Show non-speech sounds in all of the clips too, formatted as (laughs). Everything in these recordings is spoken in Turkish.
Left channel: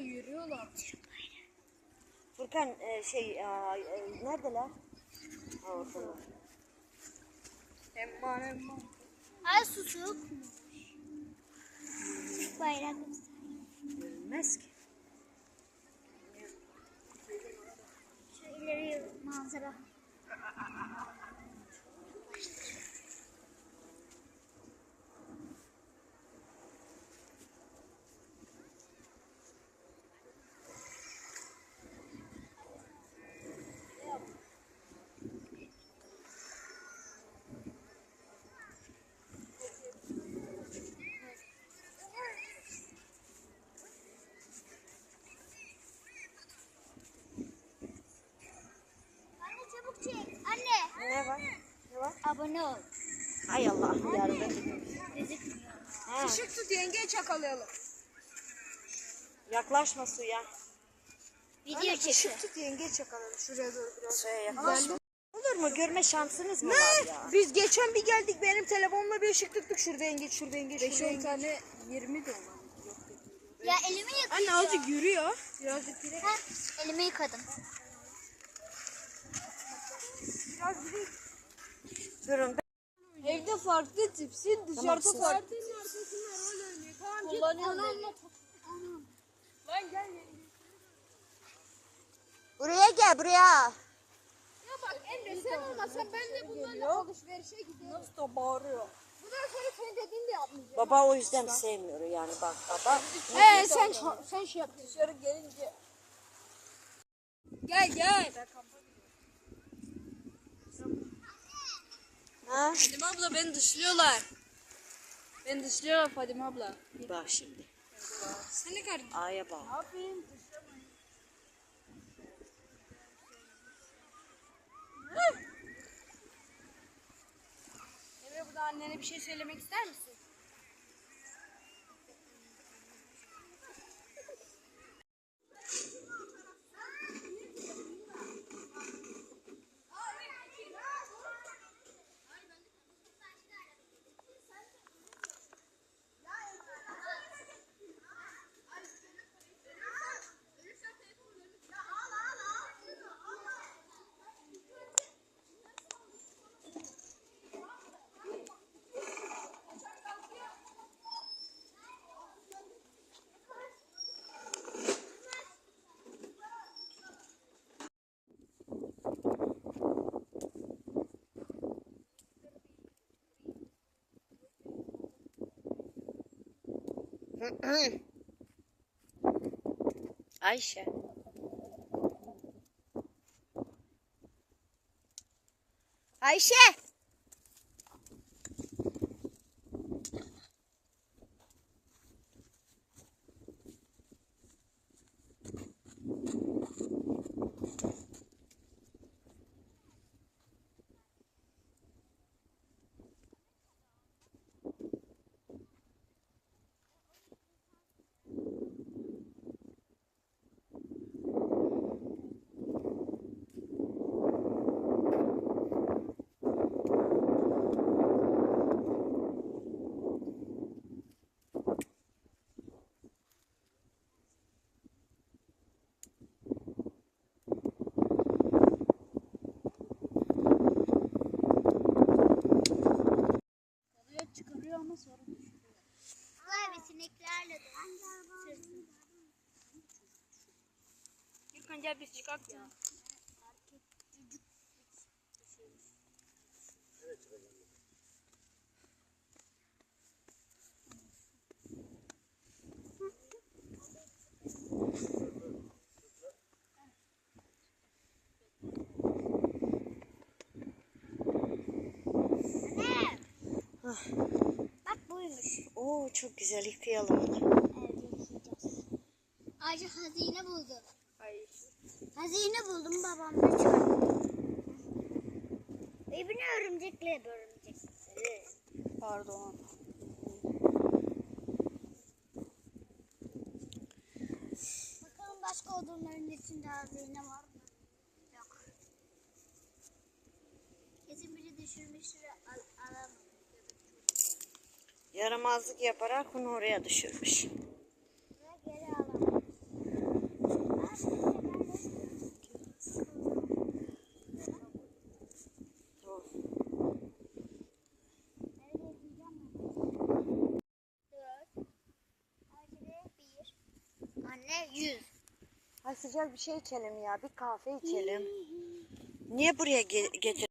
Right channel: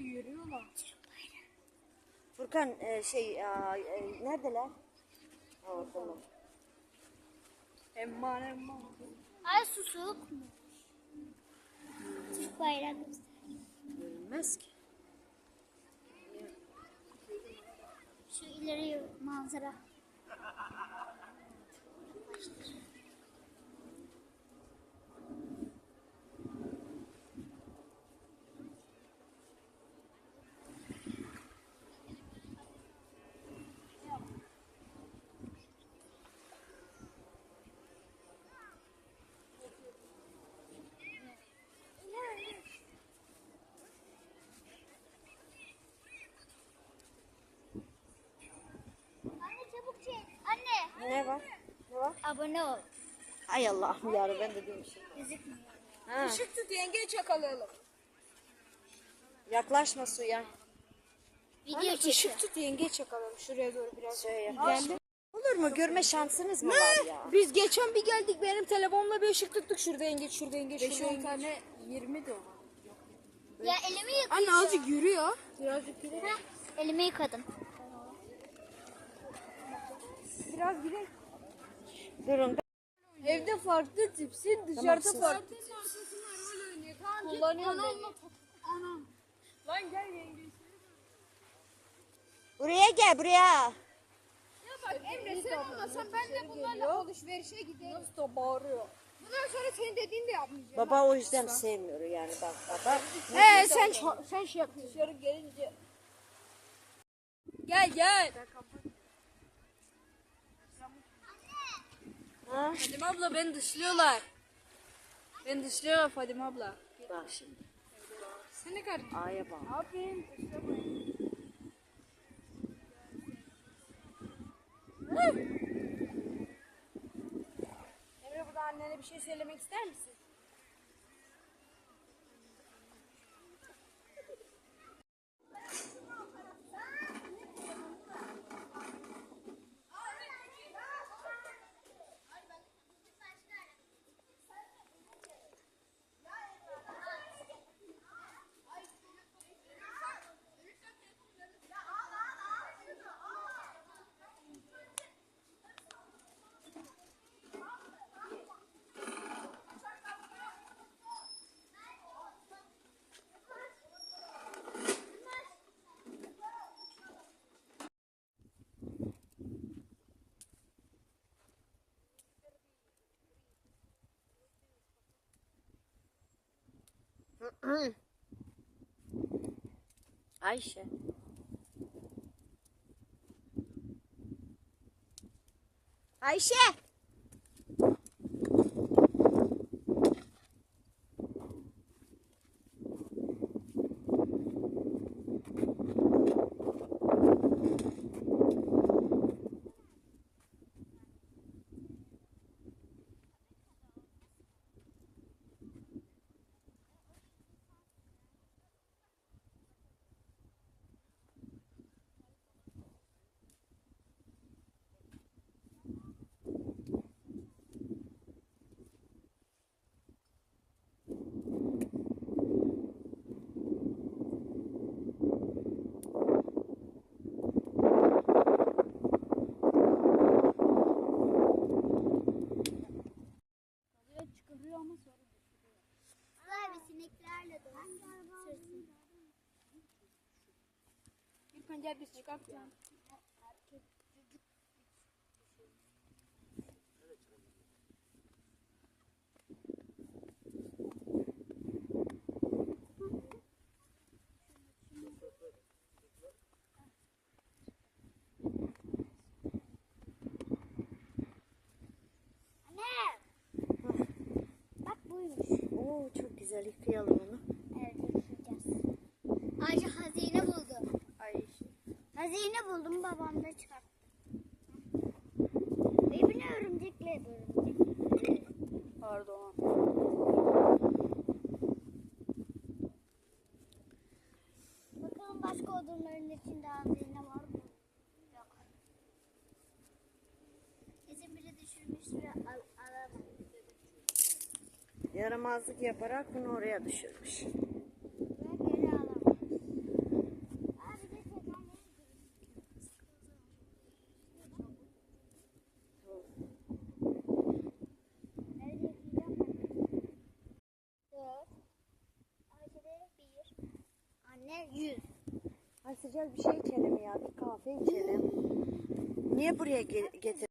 yürüyorlar. Furkan e, şey aa, e, neredeler? Ha, oradalar. Emman emman. Ay su soğuk mu? Türk bayrağı. Görünmez ki. Şu ileri manzara. Anne Anne. Ne var? Ne var? Abone ol. Ay Allah'ım yarabbim ben de görmüşüm. Gözükmüyor. Ha, Işık tut yengeyi çakalayalım. yaklaşma suya. Video çekiyor. ışık tut yengeyi çakalayalım. Şuraya doğru biraz. Suya yaklaş. Olur mu? Görme şansınız mı var ya? Biz geçen bir geldik benim telefonla bir ışık tuttuk. Şurada yengeç, şurada yengeç, şurada yengeç. tane 20 de olan. Ya elimi yıkadım. Anne azıcık yürüyor. Birazcık yürü. Ha, elimi yıkadım. Durun. Evde farklı tipsin, dışarıda siz- farklı Kullanıyorum beni. Lan gel yenge. Buraya gel buraya. Ya bak Emre sen olmasan ben de bunlarla alışverişe giderim. Nasıl da bağırıyor. Bundan sonra senin dediğini de yapmayacağım. Baba o yüzden sevmiyor yani bak baba. He sen sen şey yap. Dışarı gelince. Gel gel. Ha? Fadime abla beni dışlıyorlar. Beni dışlıyorlar Fadime abla. Bak şimdi. Sen ne kadar A'ya bak. Yapayım? Dışlamayın. Emre burada annene bir şey söylemek ister misin? Ayşe. Ayşe. Gürkan gel biz çıkak ya. Anne. Bak buymuş. Oo çok güzel yıkayalım onu. Buldum babamla çarptı. Evine örümcekle örümcek. Pardon. Bakalım başka odunların içinde hazine var mı? Yok. Kesin biri düşürmüştür al alamam. Yaramazlık yaparak bunu oraya düşürmüş. Ve geri alamam. Anne 100. Ay sıcak bir şey içelim ya. Bir kahve içelim. Niye buraya ge- getir?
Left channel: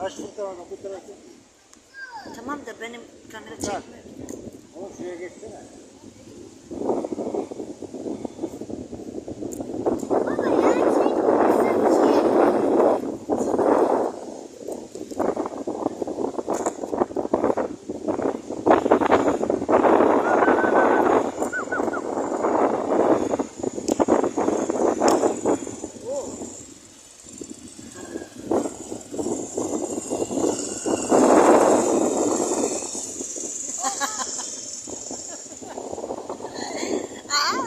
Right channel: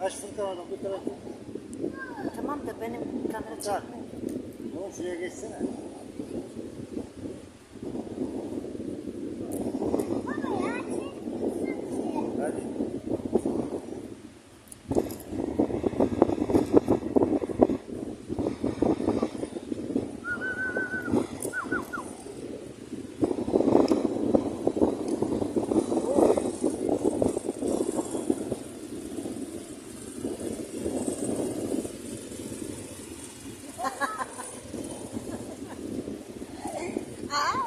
Aç fırtına bu tarafı. Tamam da benim kamera çekmiyor. Oğlum şuraya geçsene. Hi.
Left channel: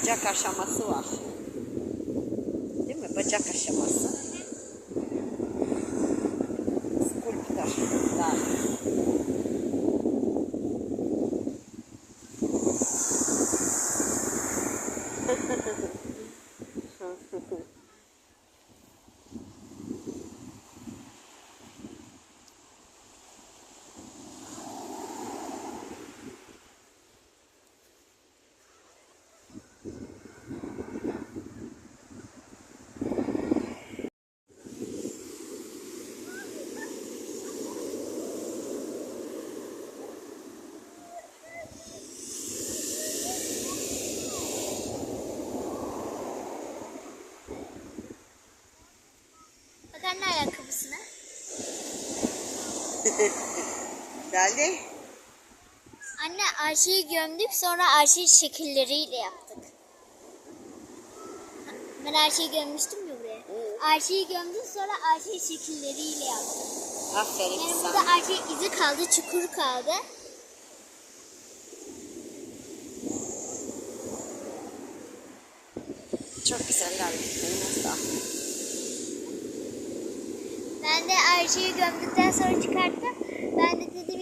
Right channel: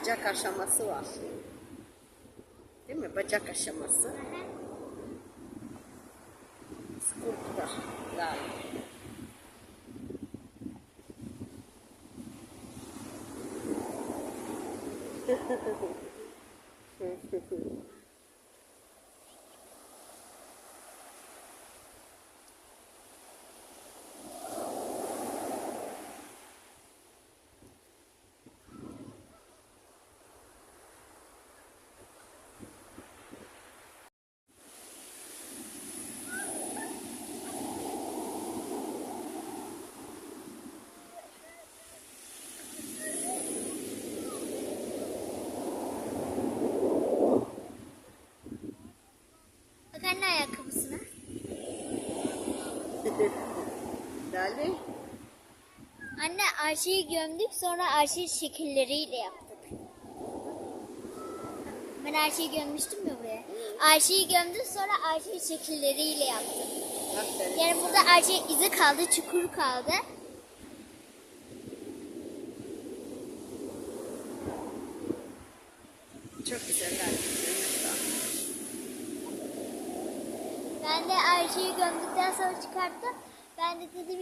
Bacak aşaması var. Değil mi? Bacak aşaması. Skulptör. Lale. Bak anne ayakkabısına. (laughs) Lale. Anne arşiyi gömdük sonra arşiyi şekilleriyle yaptık. Ben arşiyi gömmüştüm mü buraya? Arşiyi gömdük sonra arşiyi şekilleriyle yaptık. Aferin Yani burada arşiyi izi kaldı, çukur kaldı. Çok güzel. Eline sağlık. Ben de arşiyi gömdükten sonra çıkarttım. Ben de dedim